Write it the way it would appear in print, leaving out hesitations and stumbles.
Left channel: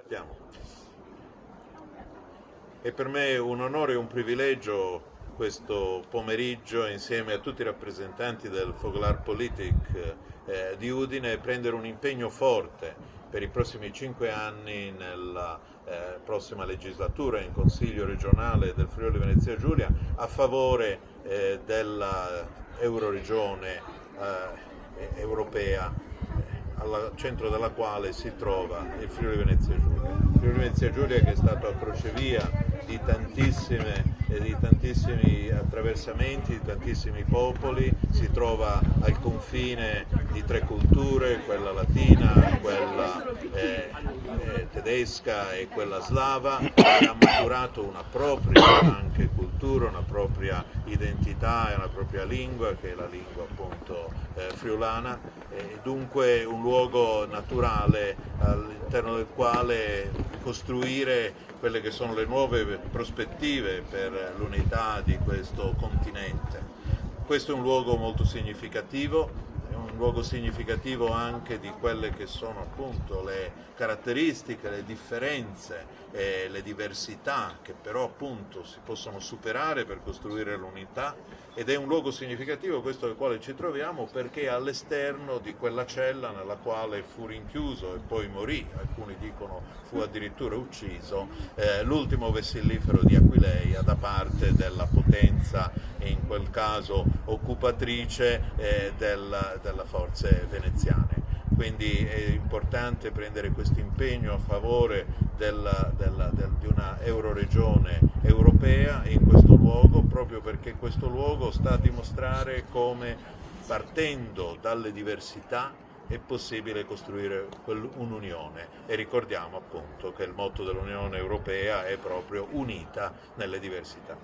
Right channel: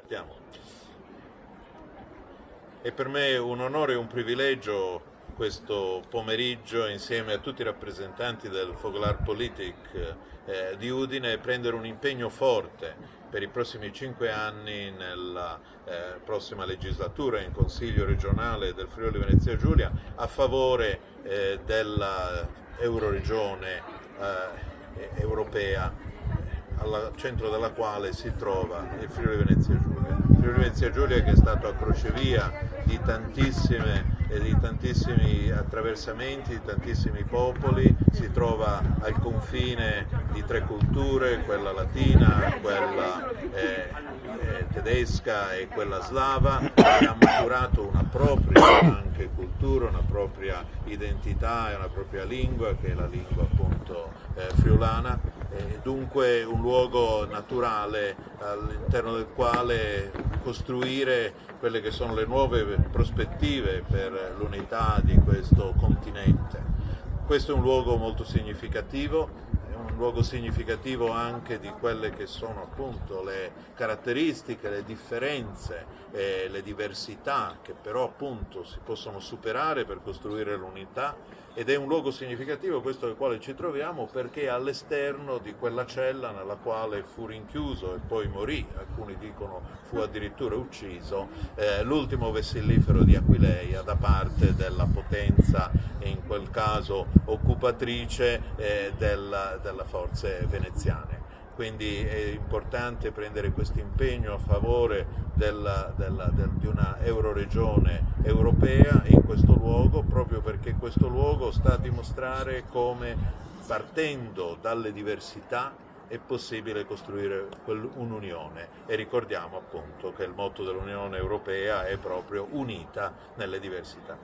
Partiamo. È per me un onore e un privilegio questo pomeriggio, insieme a tutti i rappresentanti del Foglárpolitik di Udine, prendere un impegno forte per i prossimi 5 anni nella prossima legislatura in Consiglio regionale del Friuli Venezia Giulia a favore della Euroregione europea, al centro della quale si trova il Friuli Venezia Giulia. Il Friuli Venezia Giulia, che è stato a crocevia di tantissimi attraversamenti, di tantissimi popoli, si trova al confine di 3 culture, quella latina, quella tedesca e quella slava, e ha maturato una propria anche cultura, una propria identità e una propria lingua, che è la lingua appunto friulana, dunque un luogo naturale all'interno del quale costruire quelle che sono le nuove prospettive per l'unità di questo continente. Questo è un luogo molto significativo, è un luogo significativo anche di quelle che sono appunto le caratteristiche, le differenze e le diversità che però appunto si possono superare per costruire l'unità, ed è un luogo significativo questo nel quale ci troviamo perché è all'esterno di quella cella nella quale fu rinchiuso e poi morì, alcuni dicono fu addirittura ucciso, l'ultimo vessillifero di Aquileia da parte della potenza, in quel caso occupatrice, delle forze veneziane. Quindi è importante prendere questo impegno a favore di una euroregione europea in questo luogo, proprio perché questo luogo sta a dimostrare come, partendo dalle diversità, è possibile costruire un'unione, e ricordiamo appunto che il motto dell'Unione Europea è proprio unita nelle diversità.